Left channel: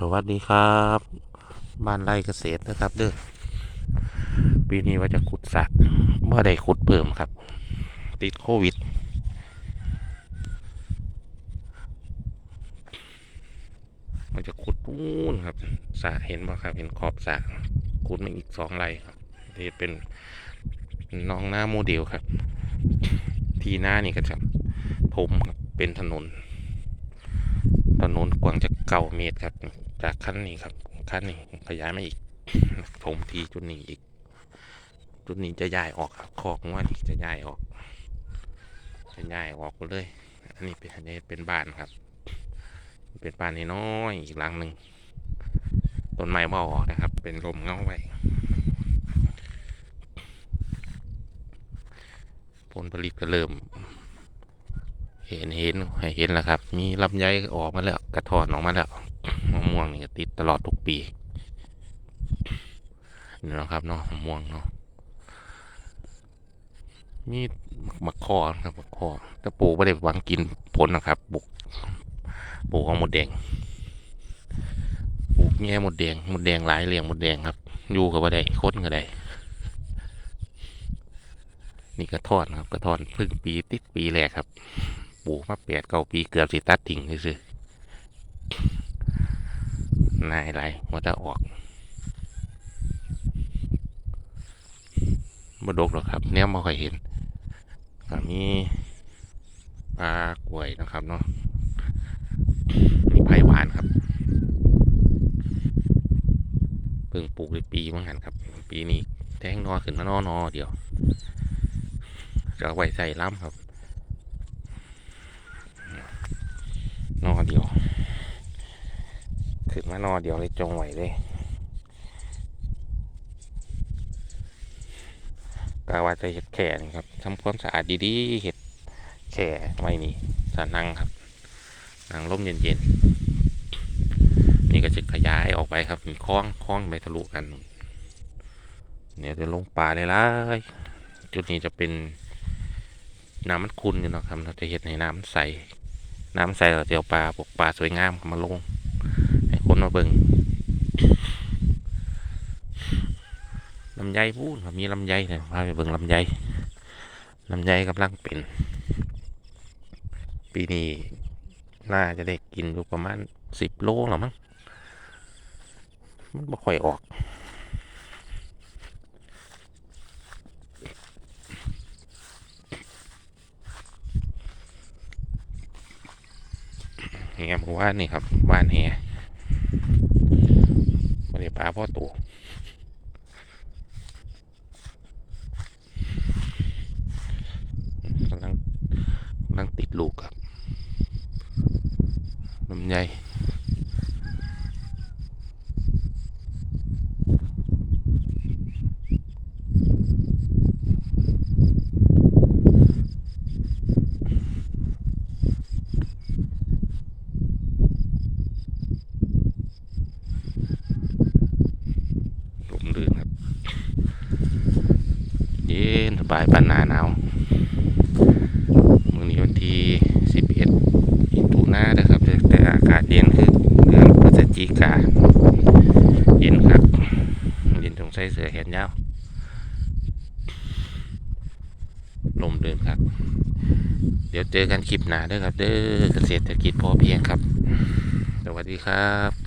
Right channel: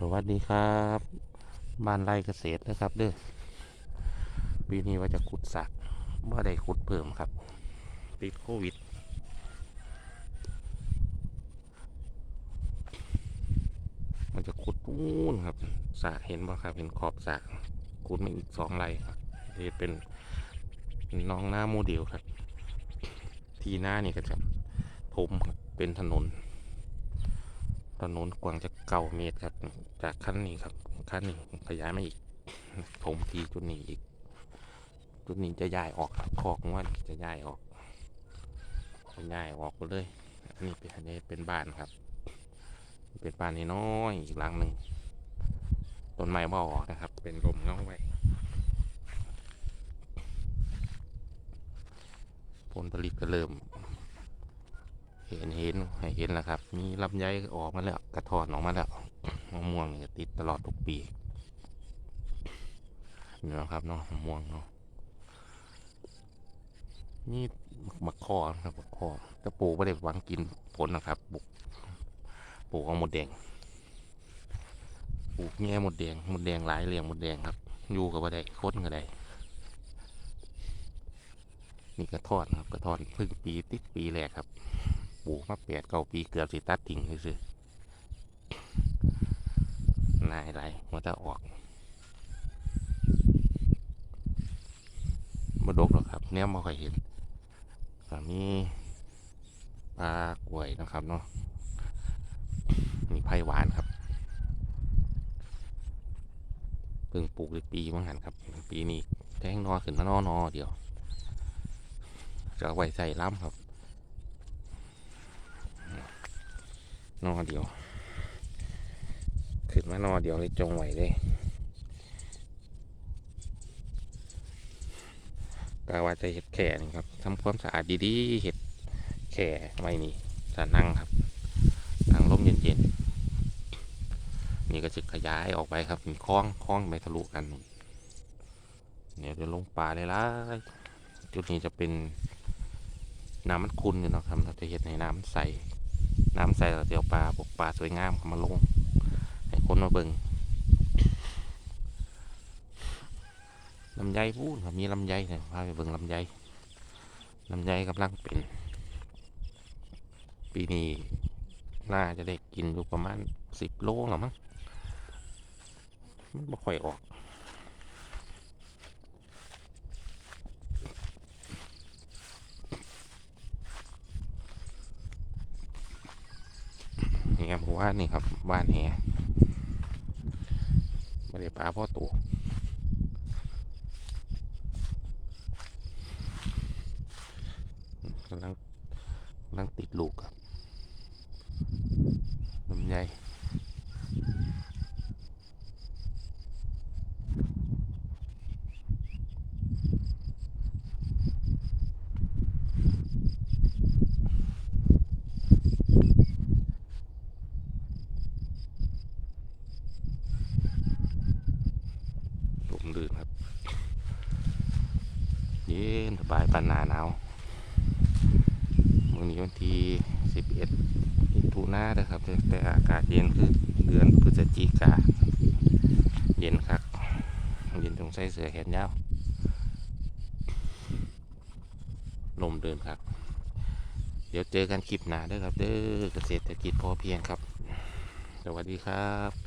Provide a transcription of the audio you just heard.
สวัสดีครับบ้านไร่เกษตรนะครับ เด้อปีนี้ว่าจะขุดสระเมื่อใดขุดเพิ่มครับ ติดโควิด มันจะขุดนู่นครับสระเห็นป่ะครับ เห็นขอบสระขุดมาอีกสองไร่ครับที่เป็นน้องหน้าโมเดลครับ ที่หน้านี่ก็จะถมครับเป็นถนน นนกว้างจะเก้าเมตรครับ จากขั้นนี้ครับขั้นนี้ขยายมาอีกถมทีจุดนี้อีก จุดนี้จะย้ายออกครับคอกงวนี่จะย้ายออก จะย้ายออกเลย อันนี้เป็นอันนี้เป็นบ้านครับ เป็นบ้านน้อยอีกหลังหนึ่งต้นไม้บ่ออกนะครับ เป็นลมเงาไว้ผลผลิตก็เริ่ม เห็นเห็นเห็นแล้วครับ มีลำไยออกมาแล้ว กระถอนออกมาแล้วมะม่วงนี่ติดตลอดทุกปีนี่นะครับเนาะมะม่วงเนาะมีมะขอครับมะขอแต่ปลูกไม่ได้หวังกินผลนะครับปลูกปลูกของหมดแดงปลูกแง่หมดแดงหมดแดงหลายเลี้ยงหมดแดงครับอยู่กับว่าได้ค้นก็ได้นี่กระทอนครับกระทอนพึ่งปีติดปีแรกครับ ปลูกมาแปดเก้าปีเกือบสิตัดทิ้งซื่อๆนายไรมันจะออกบดกหรอกครับ เนี้ยไม่ค่อยเห็นก็มีปลากล้วยนะครับเนาะมีไผ่หวานครับเพิ่งปลูกในปีมั้งหันครับ ปีนี้แทงนอขึ้นมานอนอเดียวจะไว้ใส่ล้ำครับ นอเดียว ขึ้นมานอเดียวเลยจงไหวเลยกาว่าจะเห็ดแข่นี่ครับทำความสะอาดดีๆเห็ดแข่ไว้นี่จะนั่งครับนั่งร่มเย็นๆ นี่ก็จะขยายออกไปครับมีคล้องคล้องไปทะลุกัน เนี่ยจะลงป่าเลยล่ะจุดนี้จะเป็นน้ำมันขุ่นอยู่เนาะครับเราจะเห็นในน้ำใส น้ำใสเราจะเอาปลาบกปลาสวยงามเขามาลง ให้คนมาเบิงลำไยพูดมีลำไยเนี่ยพาไปเบิงลำไยลำไยกำลังเป็น ปีนี้น่าจะได้กินอยู่ประมาณสิบโลหรอมั้งมันไม่ค่อยออก นี่ครับว่านี่ครับบ้านแหไม่ได้ปลาพ่อตัวกำลังกำลังติดลูกครับลำไยลมลื่นครับ เย็นสบายปานหนาหนาวมื่อนี้วันที่สิบเอ็ดมิถุนาเด้อครับ แต่อากาศเย็นคือเดือนพฤศจิกาเย็นครับเย็นต้องใส่เสื้อแขนยาวลมเดินครับ เดี๋ยวเจอกันคลิปหน้าด้อครับ เด้อเกษตรกิจพอเพียงครับ สวัสดีครับ